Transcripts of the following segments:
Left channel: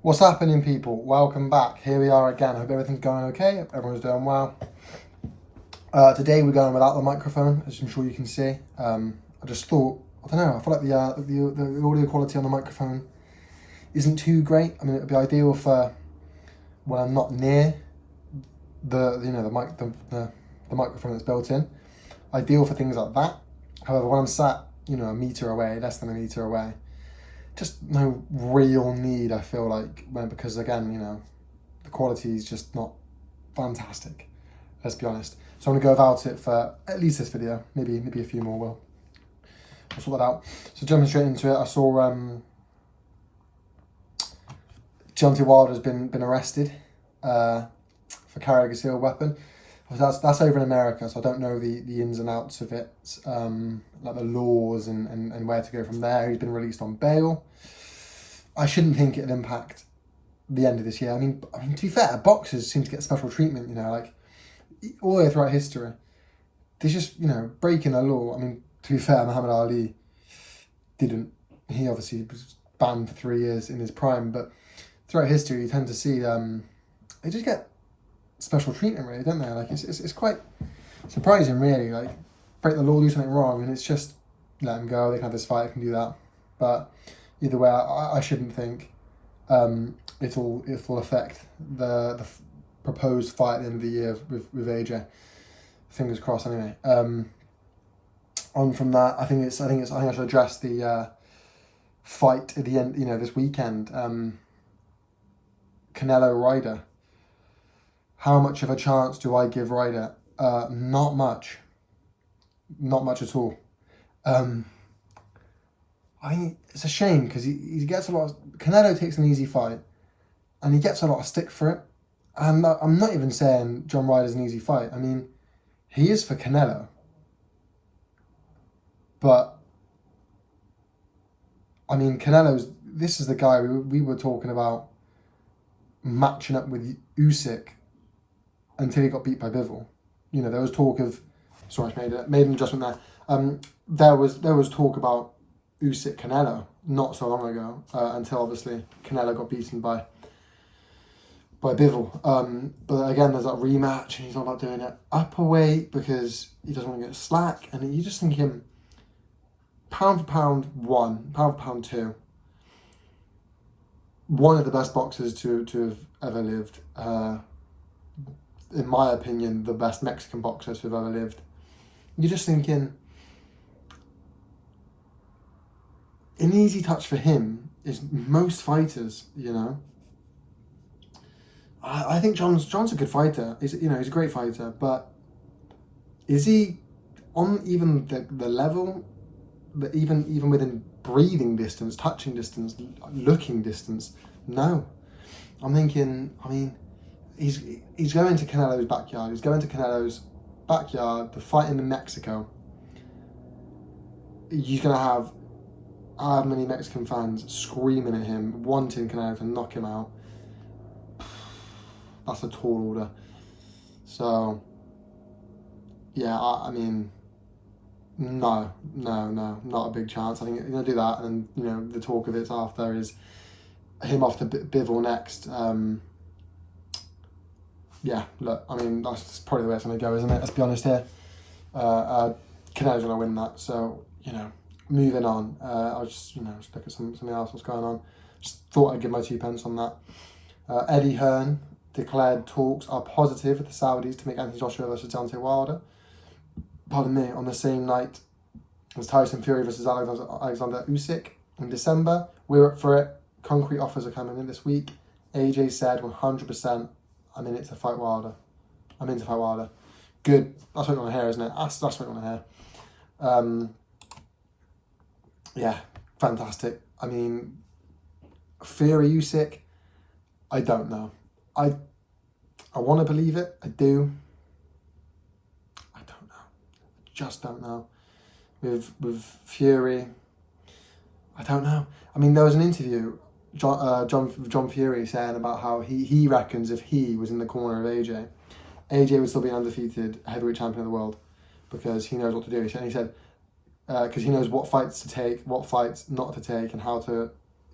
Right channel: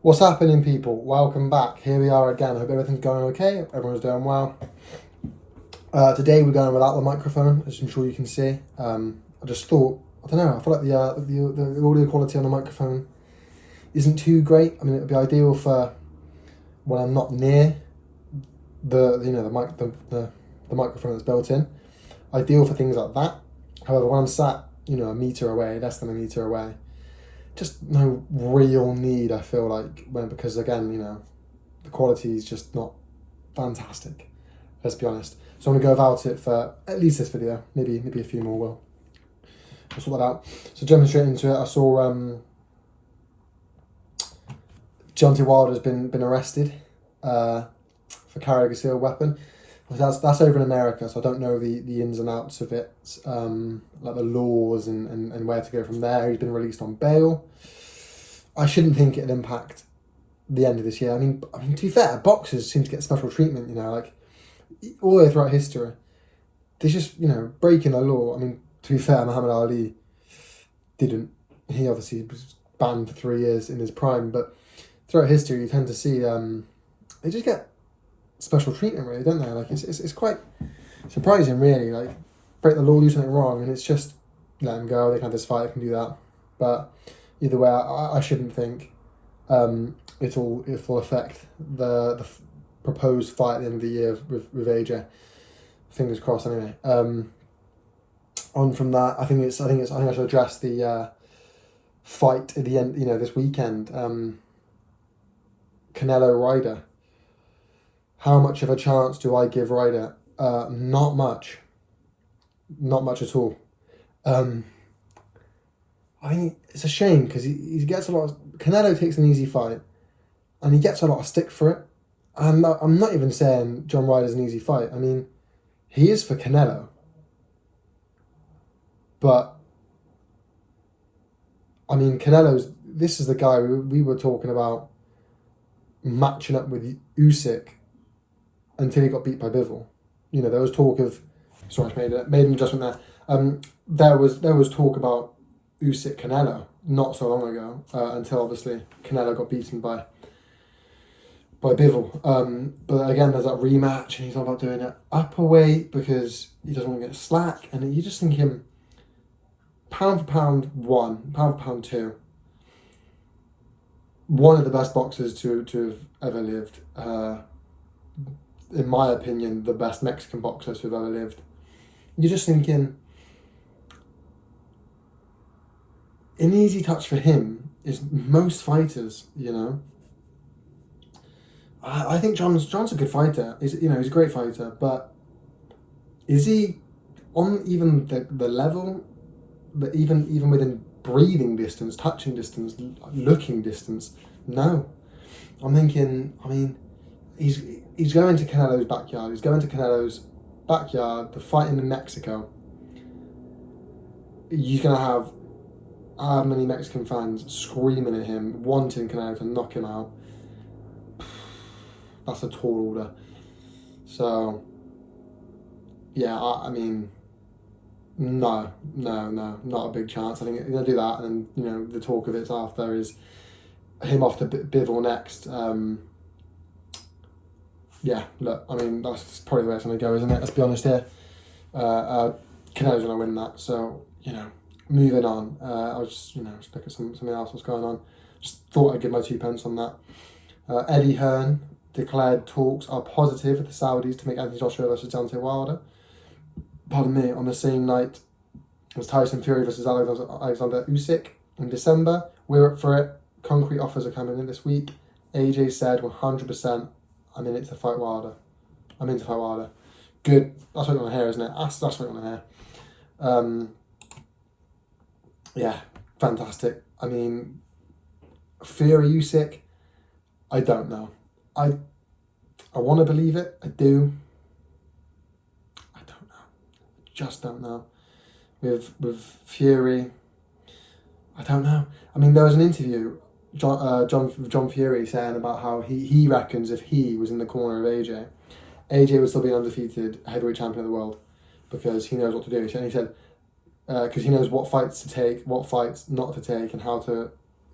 What's happening, people? Welcome back. Here we are again. Hope everything's going okay. Everyone's doing well. Today we're going without the microphone, as I'm sure you can see. I just thought, I don't know, I feel like the audio quality on the microphone isn't too great. I mean, it would be ideal for when I'm not near the microphone that's built in. Ideal for things like that. However, when I'm sat, a meter away, less than a meter away, just no real need, I feel like, because again, the quality is just not fantastic, let's be honest. So I'm gonna go without it for at least this video, maybe a few more. We'll sort that out. So jumping straight into it, I saw Deontay Wilder's been arrested for carrying a concealed weapon. That's over in America, so I don't know the ins and outs of it, like the laws and where to go from there. He's been released on bail. I shouldn't think it'll impact the end of this year. I mean, to be fair, boxers seem to get special treatment, like all the way throughout history. There's just, breaking the law. I mean, to be fair, Muhammad Ali didn't. He obviously was banned for 3 years in his prime, but throughout history, you tend to see they just get special treatment, really, don't they? Like it's quite surprising, really. Like, break the law, do something wrong, and it's just let them go. They can have this fight, they can do that. But either way, I shouldn't think it'll affect the proposed fight at the end of the year with AJ. Fingers crossed. Anyway, on from that, I think I should address the fight at the end. This weekend, Canelo Ryder. How much of a chance do I give Ryder? Not much. Not much at all. I think it's a shame because he gets a lot of... Canelo takes an easy fight and he gets a lot of stick for it. And I'm not even saying John Ryder's an easy fight. I mean, he is for Canelo. But, I mean, this is the guy we were talking about matching up with Usyk until he got beat by Bivol. There was talk of... Sorry, I made an adjustment there. There was talk about Usyk Canelo not so long ago, until obviously Canelo got beaten by Bivol. But again, there's that rematch, and he's all about doing it upper weight because he doesn't want to get slack. And you just think him pound for pound one, pound for pound two, one of the best boxers to have ever lived. In my opinion, the best Mexican boxer to have ever lived. You're just thinking, an easy touch for him is most fighters, I think John's a good fighter. He's a great fighter, but is he on even the level that even within breathing distance, touching distance, looking distance? No. I'm thinking, he's going to Canelo's backyard. He's going to Canelo's backyard to fight him in Mexico. He's going to have how many Mexican fans screaming at him, wanting Canelo to knock him out. That's a tall order. So, yeah, no, not a big chance. I think he's going to do that, and then, the talk of it after is him off to Bivol next. Yeah, look, that's probably the way it's going to go, isn't it? Let's be honest here. Canelo's going to win that, so, moving on. I'll just, just look at something else that's going on. Just thought I'd give my 2 pence on that. Eddie Hearn declared talks are positive with the Saudis to make Anthony Joshua versus Deontay Wilder. Pardon me, on the same night as Tyson Fury versus Alexander Usyk in December. We're up for it. Concrete offers are coming in this week. AJ said 100%, I'm in it to fight Wilder. I'm in to fight Wilder. Good. That's what you want to hear, isn't it? That's what you want to hear. Yeah, fantastic. Fury Usyk, I don't know. I want to believe it. I do. I don't know. I just don't know. With Fury, I don't know. There was an interview, John Fury saying about how he reckons if he was in the corner of AJ would still be an undefeated heavyweight champion of the world because he knows what to do. And he said, because he knows what fights to take, what fights not to take, and how to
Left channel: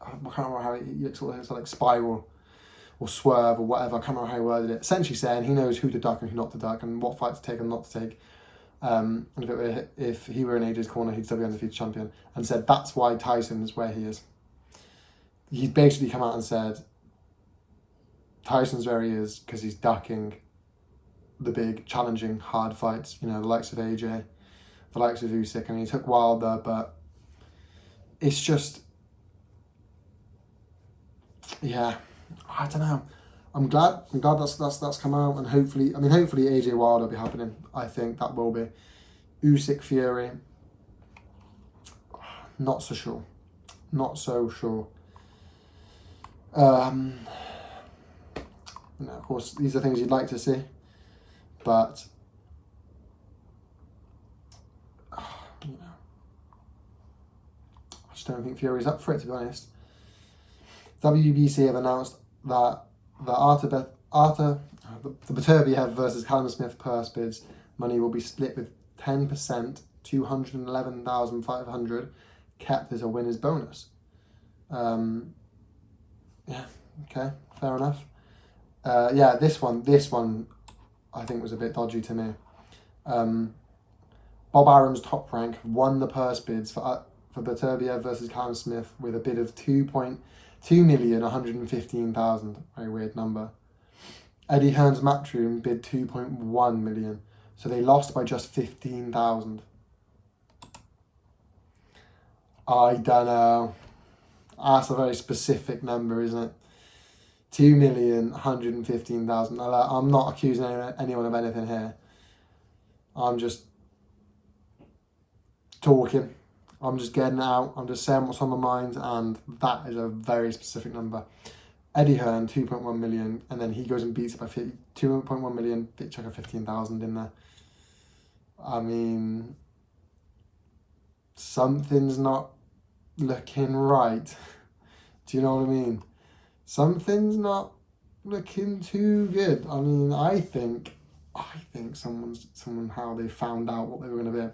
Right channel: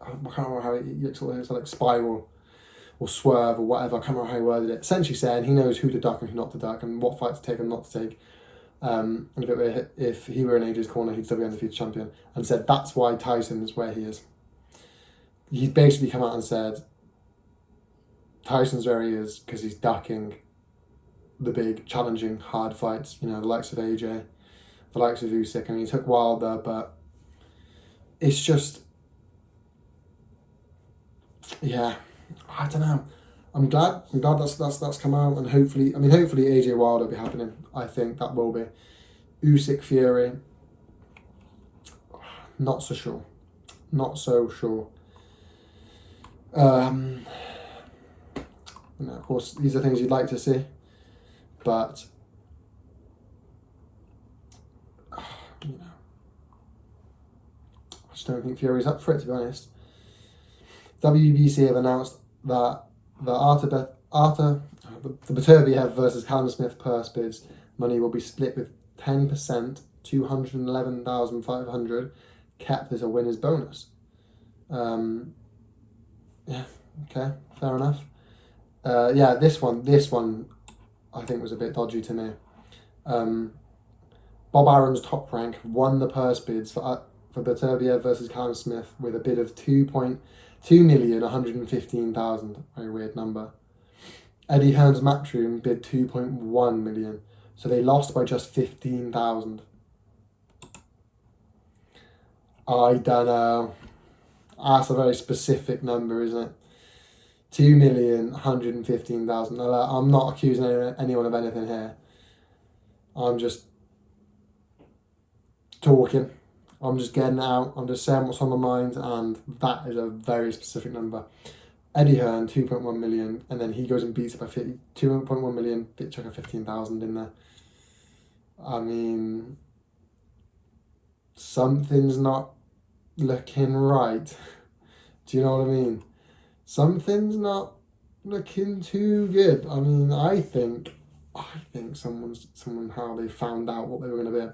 I can't remember how it's like spiral or swerve or whatever. I can't remember how he worded it. Essentially saying he knows who to duck and who not to duck and what fight to take and not to take. And if he were in AJ's corner, he'd still be undefeated champion. And said that's why Tyson is where he is. He's basically come out and said Tyson's where he is because he's ducking the big, challenging, hard fights. You know, the likes of AJ, the likes of Usyk. I mean, he took Wilder, but it's just, yeah, I don't know. I'm glad that's come out, and hopefully AJ Wilder will be happening. I think that will be. Usyk Fury, not so sure. You know, of course, these are things you'd like to see, but you know, I just don't think Fury's up for it, to be honest. WBC have announced that the Beterbiev versus Callum Smith purse bids money will be split with 10%, 211,500, kept as a winner's bonus. Yeah, okay, fair enough. Yeah, this one I think was a bit dodgy to me. Bob Arum's Top Rank won the purse bids for Beterbiev versus Callum Smith with a bid of 2,115,000. Very weird number. Eddie Hearn's Matchroom bid 2.1 million, so they lost by just 15,000. I don't know. That's a very specific number, isn't it? 2,115,000. I'm not accusing anyone of anything here. I'm just talking. I'm just getting it out. I'm just saying what's on my mind, and that is a very specific number. Eddie Hearn, 2.1 million, and then he goes and beats it by 2.1 million, chuck a 15,000 in there. I mean, something's not looking right. Do you know what I mean? Something's not looking too good. I mean, I think somehow they found out what they were going to be.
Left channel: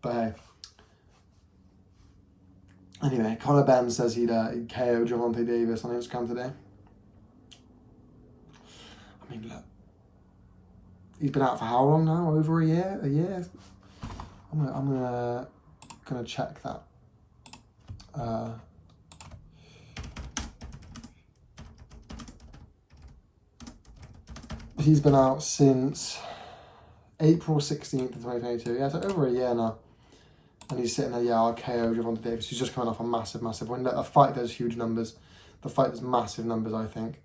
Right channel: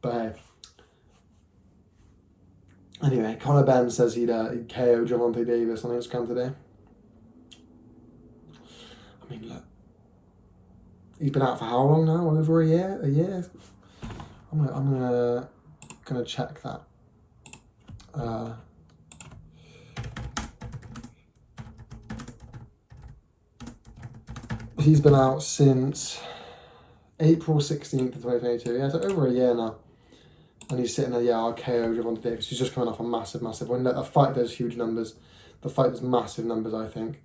But hey. Anyway, Conor Benn says he'd KO Gervonta Davis on Instagram today. I mean, look. He's been out for how long now? Over a year? A year? I'm gonna check that. He's been out since April 16th of 2022. Yeah, so over a year now. And he's sitting there, I'll KO Gervonta Davis. He's just coming off a massive win. A fight does huge numbers. The fight does massive numbers, I think.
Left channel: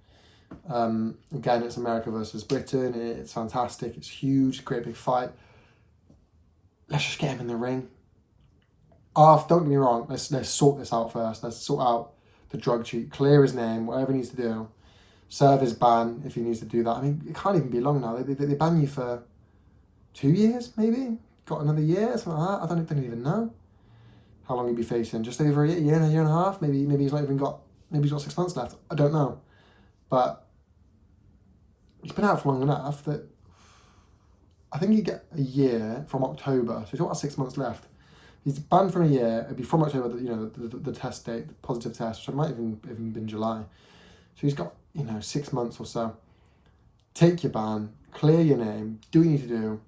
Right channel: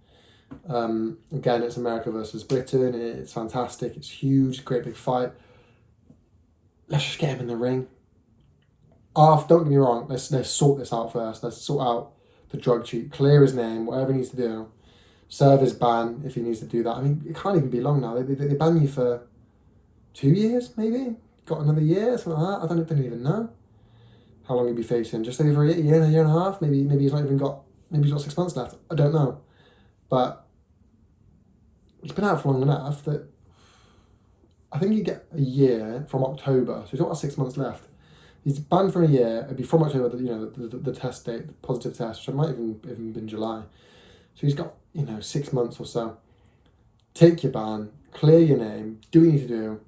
Again, it's America versus Britain. It's fantastic. It's huge. Great big fight. Let's just get him in the ring. Don't get me wrong. Let's sort this out first. Let's sort out the drug cheat. Clear his name. Whatever he needs to do. Serve his ban if he needs to do that. I mean, it can't even be long now. They ban you for 2 years, maybe? Got another year, something like that. I don't even know how long he'd be facing. Just over a year and a half. Maybe he's not even got. Maybe he's got 6 months left. I don't know, but he's been out for long enough that I think you get a year from October. So he's got about 6 months left. He's banned for a year. It'd be from October. The test date, the positive test, which might even been July. So he's got 6 months or so. Take your ban, clear your name, do what you need to do.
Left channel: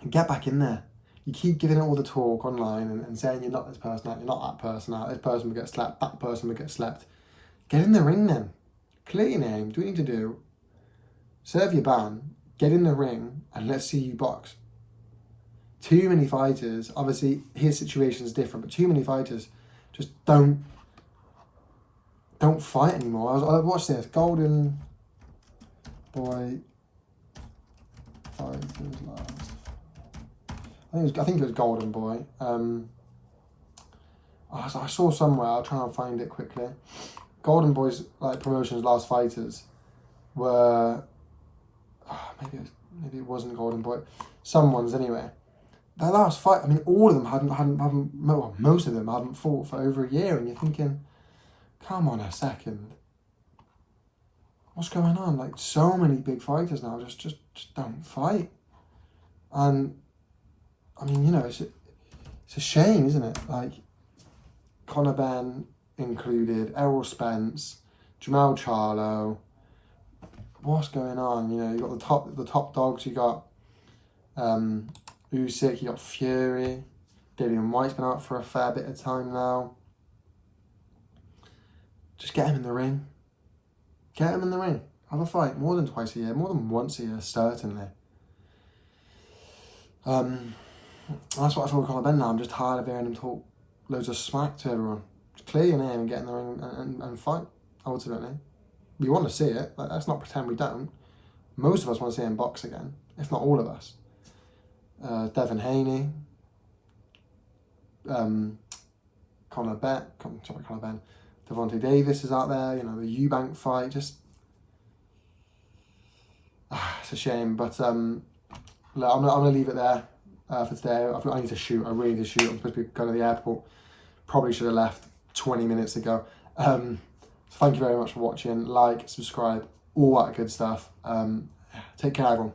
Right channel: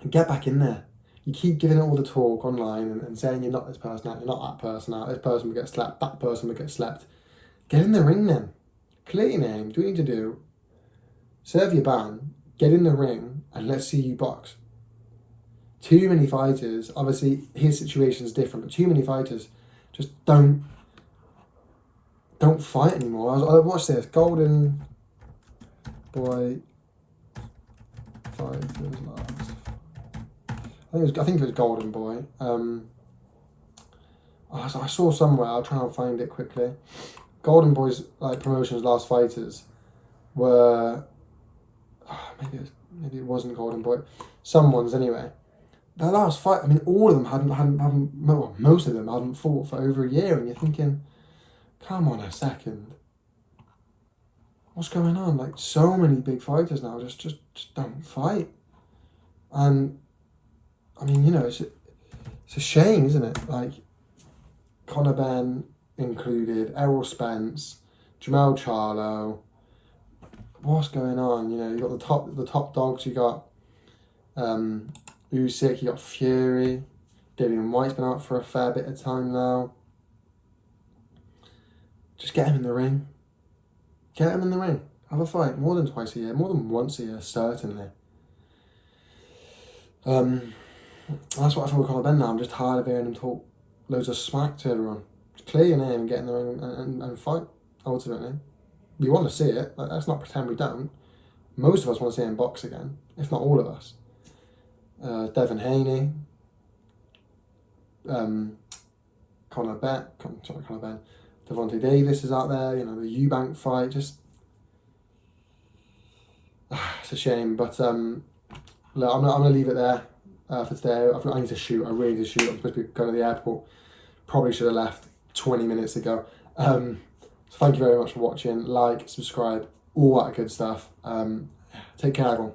And get back in there. You keep giving it all the talk online and saying you're not this person out, you're not that person out, this person will get slapped, that person will get slapped. Get in the ring then. Clear your name, do what you need to do. Serve your ban, get in the ring, and let's see you box. Too many fighters, obviously his situation is different, but too many fighters just don't fight anymore. I watched this, Golden Boy Fighters Last. I think it was Golden Boy. I saw somewhere. I'll try and find it quickly. Golden Boy's promotions Last Fighters were maybe it wasn't Golden Boy. Someone's anyway. Their last fight. I mean, all of them most of them hadn't fought for over a year, and you're thinking, come on a second. What's going on? So many big fighters now just don't fight, and. I mean, it's a shame, isn't it? Conor Benn included Errol Spence, Jamal Charlo. What's going on? You know, you got the top dogs. You got Usyk. You got Fury. Dillian White's been out for a fair bit of time now. Just get him in the ring. Get him in the ring. Have a fight more than twice a year, more than once a year, certainly. That's what I feel with Conor Ben now. I'm just tired of hearing him talk loads of smack to everyone. Just clear your name and get in the ring and fight, ultimately. We want to see it. Let's not pretend we don't. Most of us want to see him box again, if not all of us. Devin Haney. Conor Ben. Devontae Davis is out there. You know, the Eubank fight. Just... it's a shame, but look, I'm going to leave it there for today. I need to shoot. I really need to shoot. I'm supposed to be going to the airport. Probably should have left 20 minutes ago. So thank you very much for watching. Like, subscribe, all that good stuff. Take care, everyone.